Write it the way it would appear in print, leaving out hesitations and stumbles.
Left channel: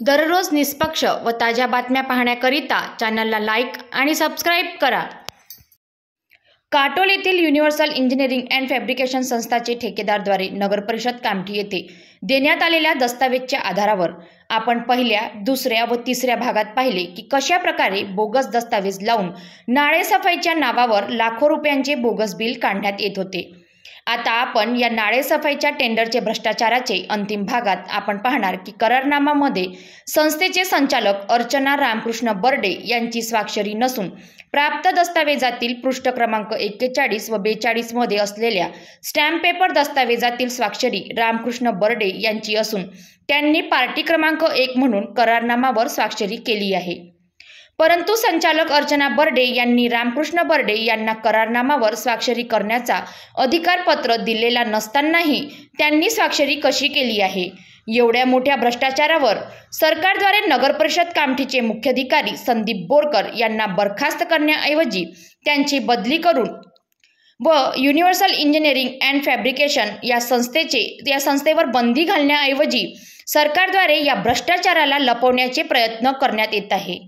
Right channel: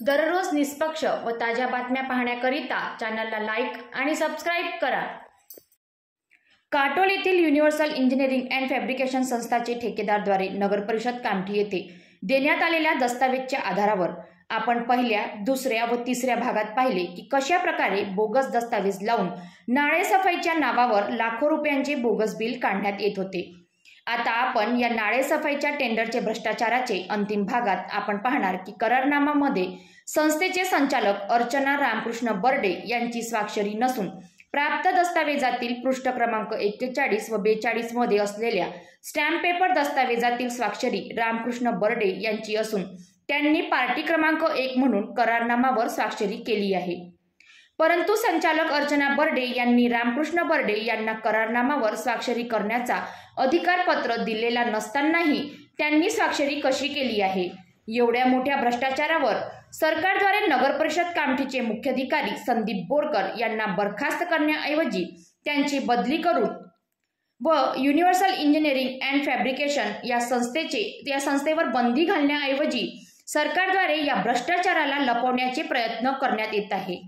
दररोज निष्पक्ष व ताज्या बातम्या पाहण्याकरिता चॅनलला लाईक आणि सबस्क्राईब करा। काटोल येथील युनिव्हर्सल इंजिनिअरिंग अँड फॅब्रिकेशन संस्थाचे ठेकेदारद्वारे नगरपरिषद कामठी येथे देण्यात आलेल्या दस्तावेजच्या आधारावर आपण पहिल्या, दुसऱ्या व तिसऱ्या भागात पाहिले की कशा प्रकारे बोगस दस्तावेज लावून नाळेसफाईच्या नावावर लाखो रुपयांचे बोगस बिल काढण्यात येत होते। आता आपण या नाळेसफाईच्या टेंडरचे भ्रष्टाचाराचे अंतिम भागात आपण पाहणार की करारनामामध्ये संस्थेचे संचालक अर्चना रामकृष्ण बर्डे यांची स्वाक्षरी नसून प्राप्त दस्तावेजातील पृष्ठ क्रमांक 41 व 42 मध्ये असलेल्या स्टॅम्प पेपर दस्तावेजातील स्वाक्षरी रामकृष्ण बर्डे यांची असून त्यांनी पार्टी क्रमांक 1 म्हणून करारनामावर स्वाक्षरी केली आहे। परंतु संचालक अर्चना बर्डे यांनी रामकृष्ण बर्डे यांना करारनामावर स्वाक्षरी करण्याचा अधिकारपत्र दिलेला नसतानाही त्यांनी स्वाक्षरी कशी केली आहे? एवढ्या मोठ्या भ्रष्टाचारावर सरकारद्वारे नगरपरिषद कामठीचे मुख्याधिकारी संदीप बोरकर यांना बरखास्त करण्याऐवजी त्यांची बदली करून व युनिव्हर्सल इंजिनिअरिंग अँड फॅब्रिकेशन या संस्थेवर बंदी घालण्याऐवजी सरकारद्वारे या भ्रष्टाचाराला लपवण्याचे प्रयत्न करण्यात येत आहे।